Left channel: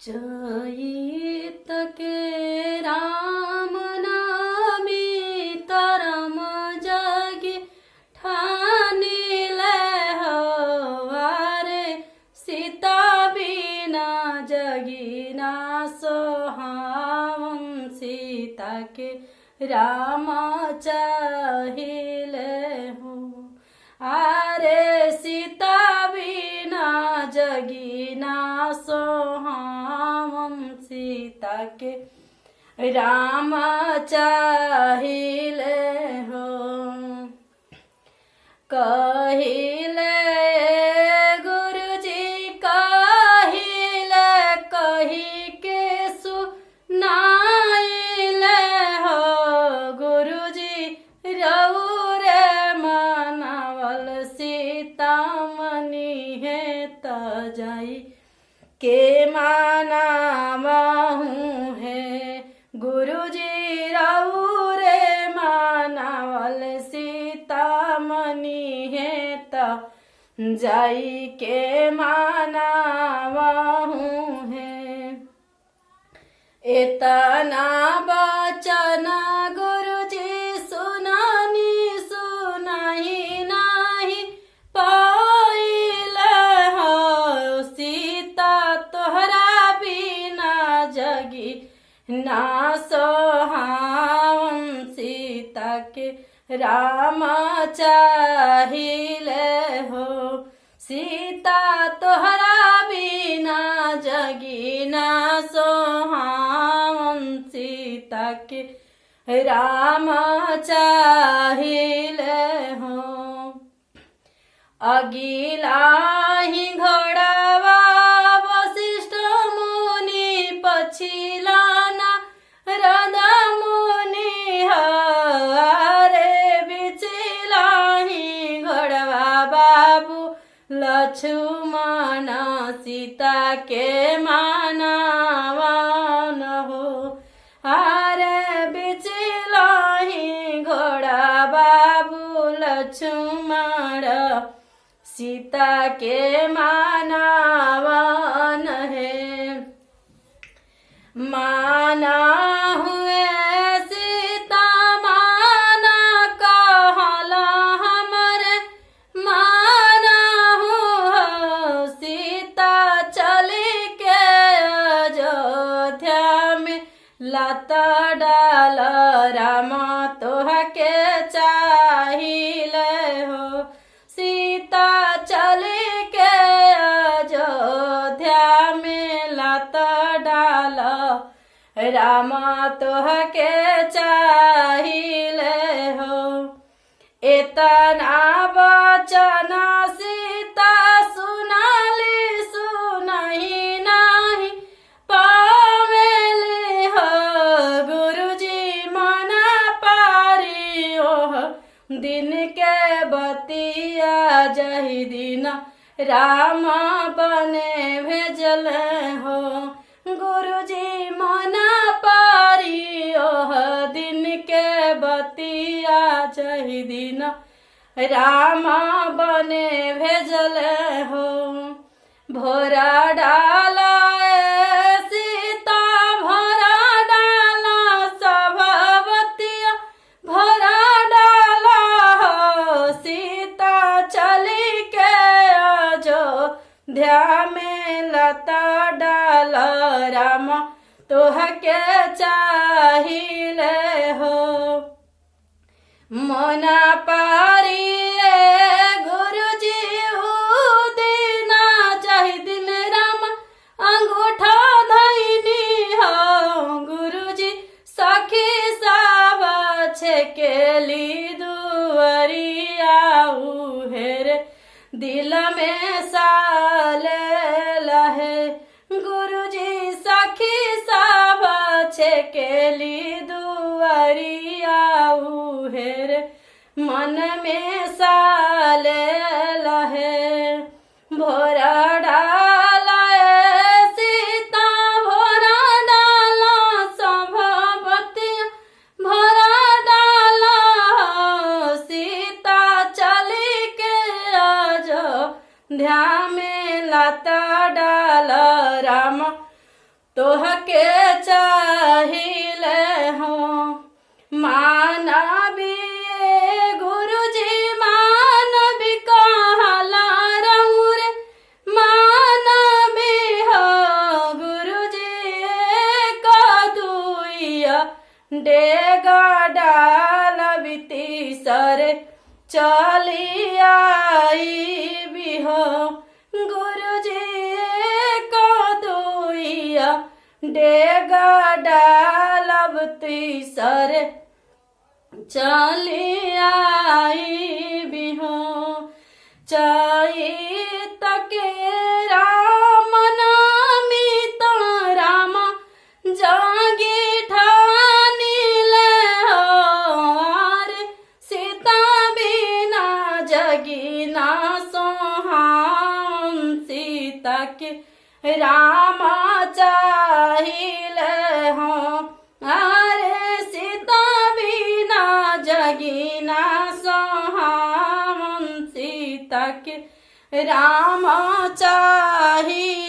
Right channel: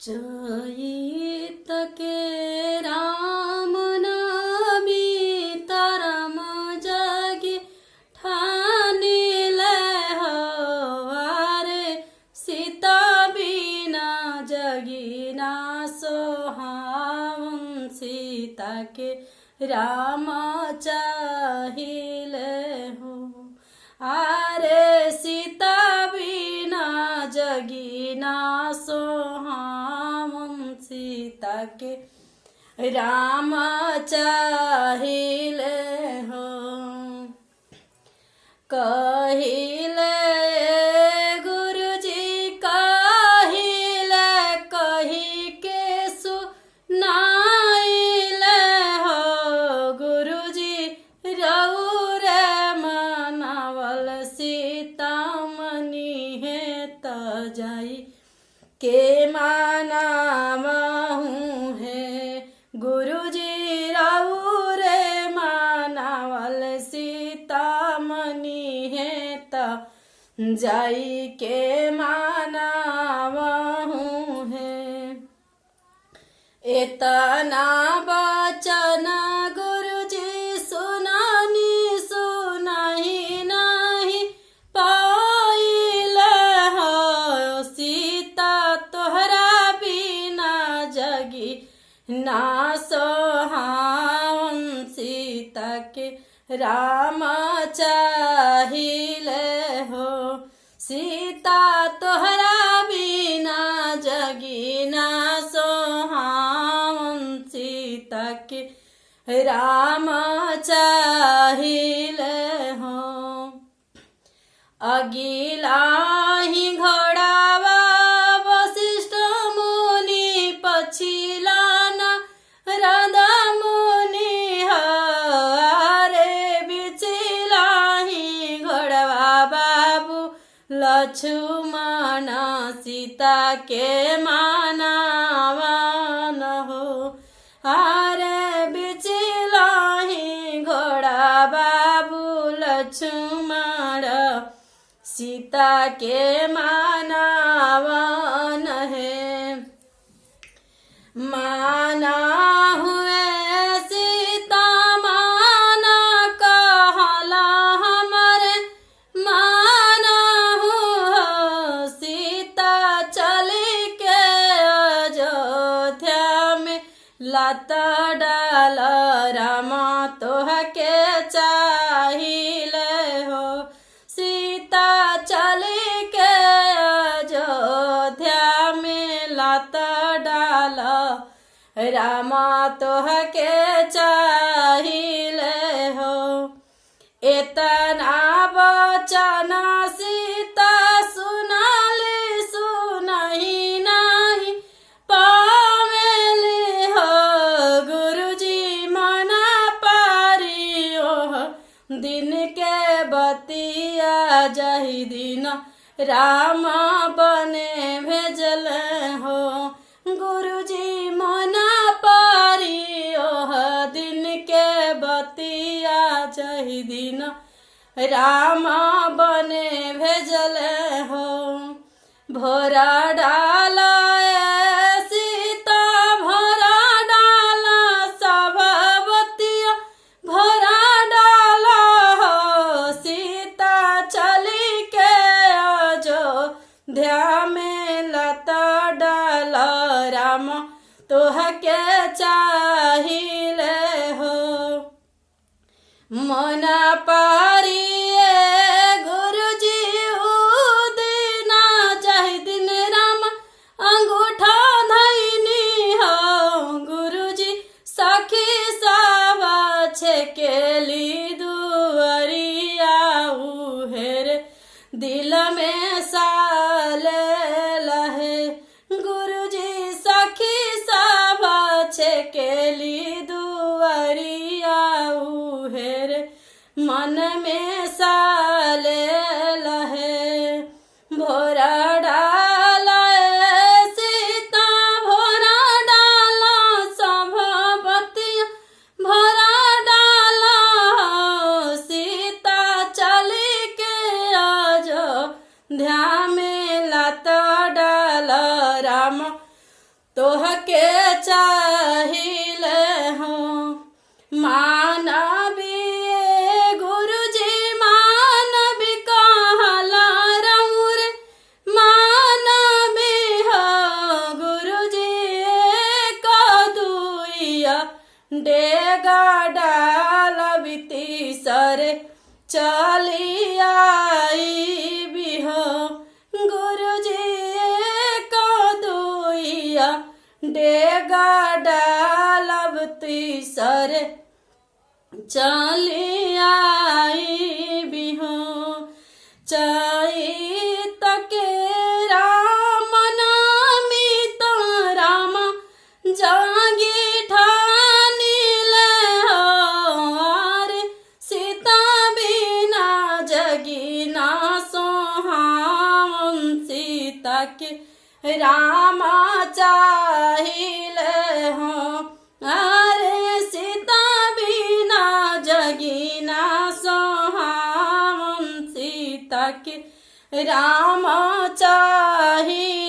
चैत के राम नामी तरम जगी ठानिले हवारे सीता बिना जगी ना सोहावन सीता के राम चाहिले हो। आरे सीता बिना जगी ना सोहावन सीता के राम चाहिले हो। कहिले गुरुजी कहिले कही के सुनाइले हो। गुरुजी रौरे मनावल सीता मनी है त जाई के मानावहूँ है। गुरुजी रौरे मानावल सीता मनी है त जाई के मानावहूँ है। इतना बचन गुरुजी सुनानी सुनाई नहीं पाइले हो। सीता तोहरा बिना जगी ना सोहावन सीता के राम चाहिले हो। सीता तोहरा बिना जगी ना सोहावन सीता के राम चाहिले हो। अगिला ही घोड़ावा वशिष्ठ मुनि पछिला नारद मुनि हरे बिचिला ही घोड़वा बाबू लक्ष्मण सीता के मानावन हो। हरे बिचिला ही घोड़ा बाबू लक्ष्मण सीता के मानावन है। माना हुए सीता माना कहला हमरे माना हूँ। सीता चली के अयोध्या में लत डाल राम तोह के चाहिले हो। सीता चली के अयोध्या में लत डाल राम तोह के चाहिले हो। इतना वचन सीता सुनाली सुनही नहीं पावेली हो। गुरुजी मना पारी ओह दिन के बतिया जही दिन राम बने भेजल हो। गुरुजी मना पारी ओह दिन के बतिया जही दिन राम बने भेजल हो। भोरा डाला सीता भोरा डाला सभावतिया भोरा डाला हो। सीता चली के अयोध्या में लता डाल राम तोह के चाहिले हो। मना पारी गुरुजी उदिना चाही दिन राम अंगूठा धैनी हो। गुरुजी सखी सब छेकेली दुअरिया उहेर दिल में साले लहे। गुरुजी सखी सब छेकेली दुअरिया उहेर मन में साले लहे। भोरा डाला सीता भोरा डाला सभावतिया भोरा डाला। सीता चली के अयोध्या में लता डाल राम तोहके चाहिले हो मानवीय गुरुजी मानवी कहला रउर मानवी हो गुरुजी कदुइया डेगा डाल बिती सरे चली आई भी हो गुरुजी कदुइया डेगा डालबती सरे चली आई भी हो चैत के राम नामी तो राम जागी ठानी ले रे सीता बिना जगी ना सोहाम सीता के राम चाहिले हो अरे सीता बिना जगी ना सोहाम सीता के राम चाही